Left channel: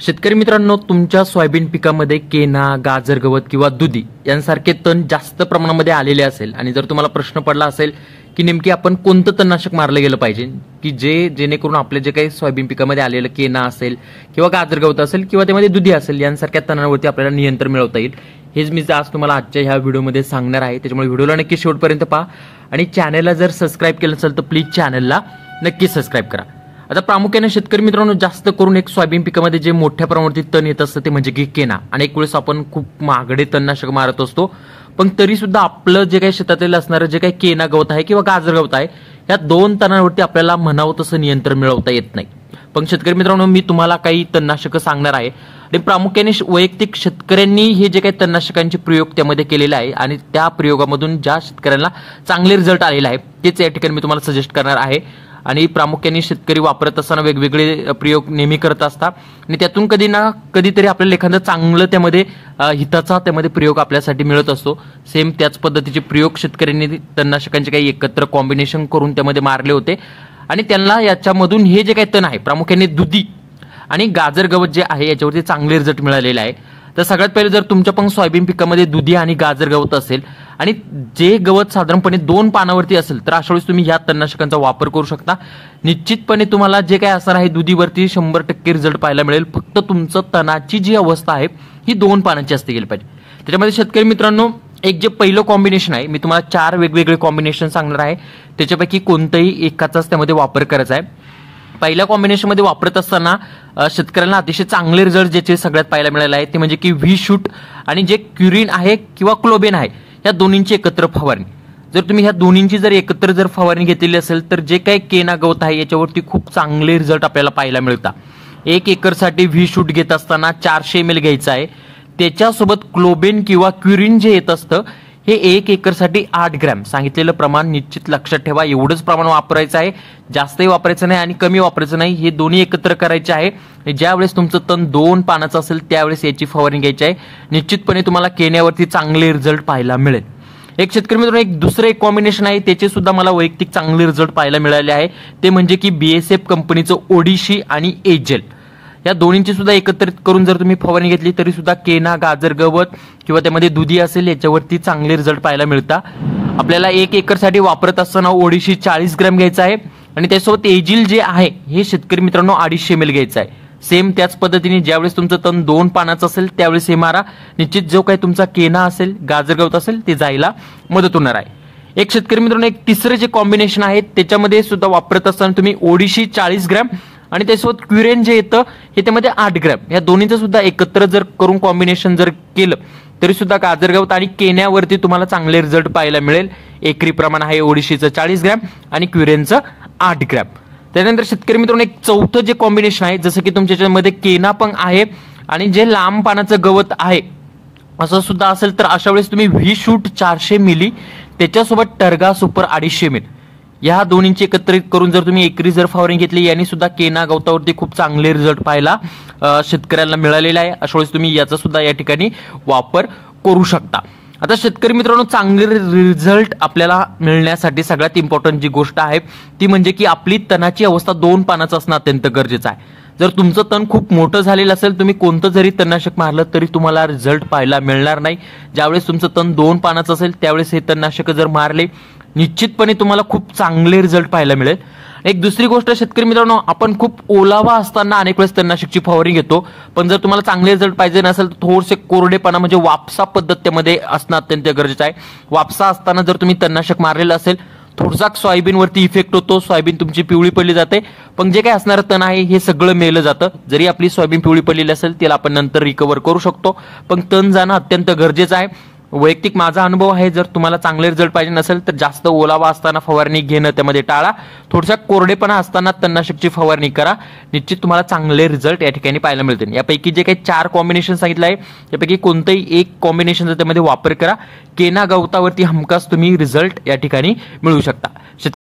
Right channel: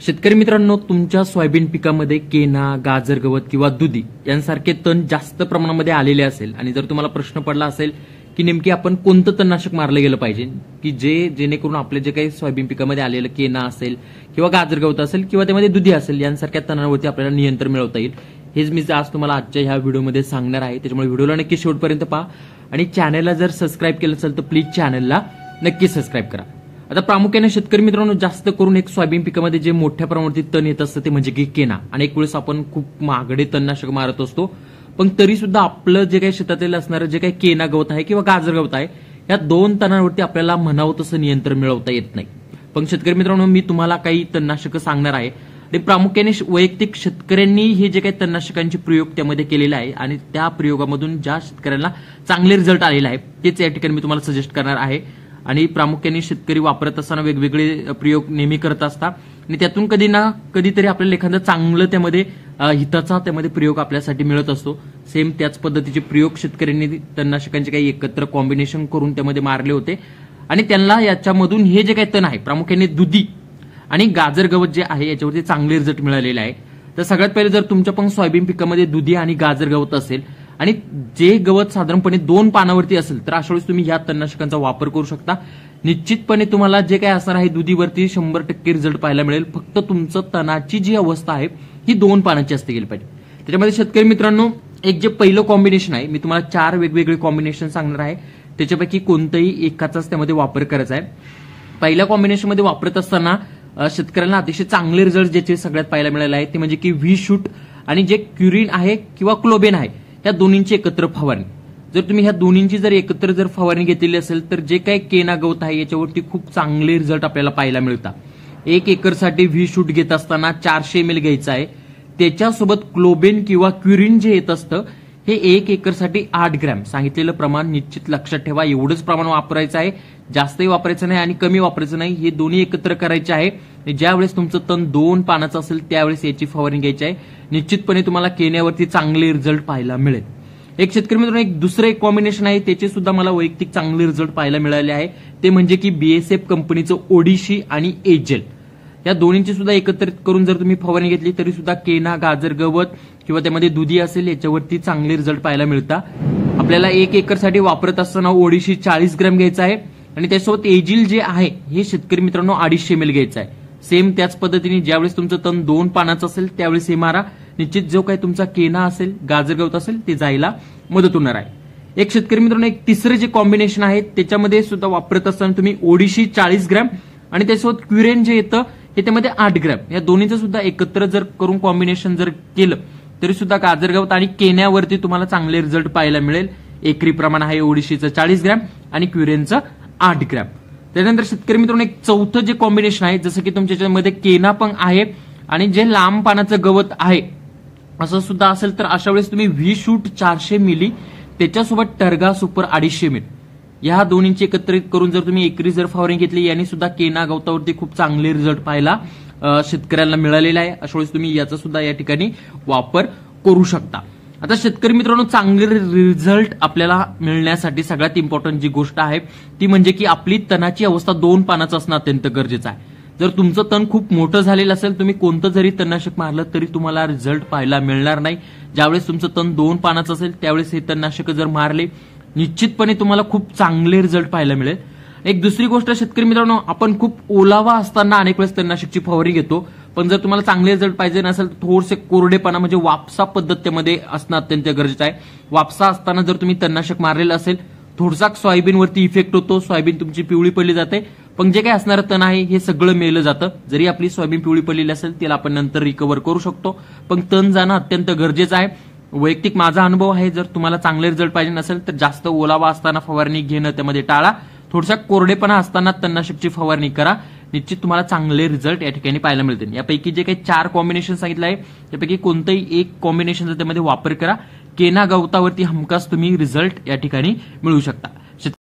शेतकरी मित्रांनो, तुमच्या सोयाबीन पिकामध्ये केना, गाजर गवत किंवा दुधी यांसारखे तण जास्त प्रमाणामध्ये आलेले असेल आणि जर तुम्हाला प्रश्न पडला असेल की नेमकी आपण कोणतं तणनाशक मारलं गेलं पाहिजे की जेणेकरून आपले जे काही सोयाबीन पिकामध्ये आलेलं केना असेल किंवा गाजर गवत असेल किंवा त्यामध्ये दुधी असेल यांसारख्या तणांवरती आपल्याला नियंत्रण मिळवता येईल, हेच मी आज तुम्हाला आजच्या ह्या व्हिडिओमध्ये सांगणार आहे। त्याच्यामुळे व्हिडिओला नक्की शेवटपर्यंत पहा आणि चॅनलला जर सबस्क्राइब केलं असेल तर प्लीज चॅनलला नक्की सबस्क्राइब करा। आता प्रामुख्याने शेतकरी मित्रांनो, जास्त करून एक सोयाबीन पिकामध्ये जे मोठ्या प्रमाणावरती तण येत असतं ते म्हणजे की केना। अनेक वेळेस आपण खूप महागडे तणनाशक मारत असतो, पण तरी सुद्धा आपलं जे काही शेतातील असणारं जे काही केना गवत आहे किंवा गाजर गवत आहे या दोन तणांवरती आपल्याला म्हणावं तसं नियंत्रण मिळवता येत नाही। पण शेतकरी मित्रांनो, मी तुम्हाला काही तणनाशक सांगणार आहे आणि प्रामुख्याने वैयक्तिक शेतकऱ्यांनी हे जे काही तणनाशकांचे प्रयोग त्यामध्ये केलेले आहे आणि त्या प्रयोगामधून ज्या शेतकऱ्यांना चांगले रिझल्ट आलेले आहे तेच या ठिकाणी मी तुम्हाला सजेस्ट करणार आहे। आणि प्रामुख्याने शेतकरी वापरत असताना वेगवेगळे प्रयोग नेहमी करत असतात आणि त्यातून कधी ना कधीतरी आपल्याला एखादं चांगलं त्यामध्ये हिताचा त्यामध्ये प्रयोग आपल्यासाठी मिळत असतो। सेम त्याच पद्धतीचे प्रयोग शेतकऱ्यांनी तणनाशकांचे काही एकत्र कॉम्बिनेशन करून त्यामध्ये मारले होते आणि त्यांना याच्यामधून हे जे काही तण आहे प्रामुख्याने दुधी आणि गाजर गवत जे आहे याच्यावरती चांगले रिझल्ट मिळालेले आहे। तर सगळ्यात पहिले जर तुमच्या पण सोयाबीन पिकामध्ये दुधी आणि गाजर गवत असेल आणि जे गवत साधारणपणे 2 पानावरती असेल तर अशा वेळेस तुम्ही या तणनाशकांचा वापर करू शकता। निश्चितपणे तुम्हाला जे काही असणार आहे दुधीवरती 100% रिझल्ट पाहायला मिळेल। फक्त तुमचं तणाची जी अवस्था आहे ही 2 पानाची असते गेली पाहिजे। त्याच्यामध्ये शेतकरी मित्रांनो, एक जे पहिलं कॉम्बिनेशन आहे, मी तुम्हाला 4 वेगवेगळे कॉम्बिनेशन सांगणार आहे, त्याच्यापैकी कोणताही एकाचाच त्यामध्ये वापर करायचा आहे। पहिल्या कॉम्बिनेशन मध्ये वापरत असताना शेतकऱ्यांना अतिशय चांगले रिझल्ट ज्याचे सगळ्यात पाहायला मिळाले आहे ते म्हणजे की व्ही शूट आणि जे क्युरिन आहे किंवा क्लोबेन आहे या दोन्हींची एकत्र फवारणी। जर तुम्ही ह्या दोन्हींची जर एकत्र जर फवारणी घेतलेली असेल तर जे काही केना गवत आहे याच्यावरती खूप चांगले रिझल्ट आपल्याला पाहायला मिळतात। 1 एकरसाठी व्ही शूट घेत असताना 400 ml घ्यायचं आहे, त्याच्यासोबत क्लोबेन किंवा क्युरिन जे येत असतं हे 1 एकरसाठी 8 ग्रॅम सांगितलेलं प्रमाण निश्चित लक्षात ठेवा। एवढंच प्रमाण वापरायचं आहे, जास्तही वापरायचं नाही आणि कमी वापरायचं नाही, हे दोन्ही एकत्र करायचे आहे। ज्यावेळेस तुमचं तण 2 पानाचं असेल त्यावेळेस याची फवारणी घ्यायची आहे। निश्चितपणे तुम्हाला केण्यावरती चांगले रिझल्ट पाहायला मिळेल। एक शेतकरी मित्रांनो, एक दुसरं एक कॉम्बिनेशन आहे, त्याचे सुद्धा मला वैयक्तिक चांगले रिझल्ट पाहायला मिळाले आहे, ते म्हणजे की BASF कंपनीचं ओडिशी आणि एजेल या दोन्हींची सुद्धा एकत्रित करून जर तुम्ही फवारणी घेतली तरी सुद्धा केना, गाजर गवत किंवा त्यामध्ये दुधी असेल याच्यावरती चांगले रिझल्ट पाहायला मिळतात। आपल्याला 1 एकरसाठी वापरत असताना ओडिशी 40 ग्रॅम घ्यायचा आहे आणि त्यासोबत एजिल जे आहे हे शेतकरी मित्रांनो 250 ml घ्यायचं आहे। सेम त्याच पद्धतीने ज्यावेळेस तुमचं तण 2 पानाचं असेल त्यावेळेस हे मारा। निश्चित जो काही तुमचा केना असेल, गाजर गवत असेल ते जायला मदत होणार आहे। एक शेतकरी मित्रांनो, एक तिसरे जे कॉम्बिनेशन आहे त्याच्यामध्ये सुद्धा वापरत असताना तुम्ही ओडिशी 40 ग्रॅम आणि त्यासोबत क्युरेन जे येतं हे त्यामध्ये 8 ग्रॅम या दोन्हीचं सुद्धा एकत्र जर करून कॉम्बिनेशन जर केलं तरी सुद्धा गाजर गवत आणि केन्यावरती तुम्हाला चांगले रिझल्ट पाहायला मिळेल। एकरी प्रमाण आहे ओडिशीचं 40 ग्रॅम आणि क्युरेनचं 8 ग्रॅम। त्यानंतर शेतकरी मित्रांनो, एक चौथं जे कॉम्बिनेशन आहे, जसं की तुमच्यामध्ये केना पण आहे आणि जे लांब पानाचं गवत आहे असं सुद्धा असेल तर अशा वेळेस तुम्ही व्ही शूट 400 मिली त्याच्यासोबत टर्गा सुपर 250 ml या दोन्हींची एकत्रित करून जर तुम्ही एकरी जर फवारणी घेतली यांनी सुद्धा केना गवतावरती खूप चांगले रिझल्ट पाहायला शेतकऱ्यांना मिळालेला आहे। अशा वेळेस तुम्ही याचा सुद्धा या ठिकाणी वापर करू शकता। आता शेतकरी मित्रांनो, चांगले रिझल्ट आपल्याला मिळण्यासाठी सगळ्यात इम्पॉर्टंट जी गोष्ट आहे ती म्हणजे की आपली तणाची अवस्था 2 पानाचं असणं अत्यंत गरजेचं आहे। जर तुमचं तण खूप मोठं झालेलं असेल, तुम्ही कोणतं जरी तणनाशक मारलं तरी तुम्हाला रिझल्ट पाहायला मिळणार नाही। ज्यावेळेस तुमचं तण 2 पानाचं असेल त्यावेळेस हे तणनाशक जर मारले निश्चितपणे तुम्हाला खूप चांगले रिझल्ट पाहायला मिळेल। एक दुसरी गोष्ट शेतकरी मित्रांनो, आपण खूप ओलावा असताना अनेक वेळेस तणनाशकची फवारणी घेतो, पण जर तुम्हाला चांगले रिझल्ट पाहिजे नसेल तर थोडेसे कोरडेपणा म्हणजे वापसा पद्धत त्यामध्ये असणं अत्यंत गरजेचं आहे। वापसा असताना जर तुम्ही तणनाशक मारलेलं असेल थोडासा सोयाबीनवरती इफेक्ट होतो, सोयाबीन तुमची पिवळी पडली जाते, पण जे काही असणारं तण आहे हे सगळं मेलं जातं। जरी आपली सोयाबीन पिवळी पडलेली असेल त्याला आपण नंतर रिकव्हर करू शकतो, पण तण जाणं अत्यंत गरजेचं आहे। वैयक्तिक माझा अनुभव आहे, जर तुम्हाला चांगले रिझल्ट पाहिजे नसेल तर जास्त ओलावा असताना फवारणी घेणं त्यामध्ये टाळा, थोडासा कोरडेपणा असताना तणनाशकची फवारणी करा। निश्चित तुम्हाला चांगले रिझल्ट या ठिकाणी पाहायला मिळतील। यापैकी जे काही 4 कॉम्बिनेशन सांगितलं आहे यापैकी कोणतंही एक कॉम्बिनेशनचा त्यामध्ये वापर करा, केना गवतावरती हमखास तुम्ही रिझल्ट या ठिकाणी मिळवू शकता।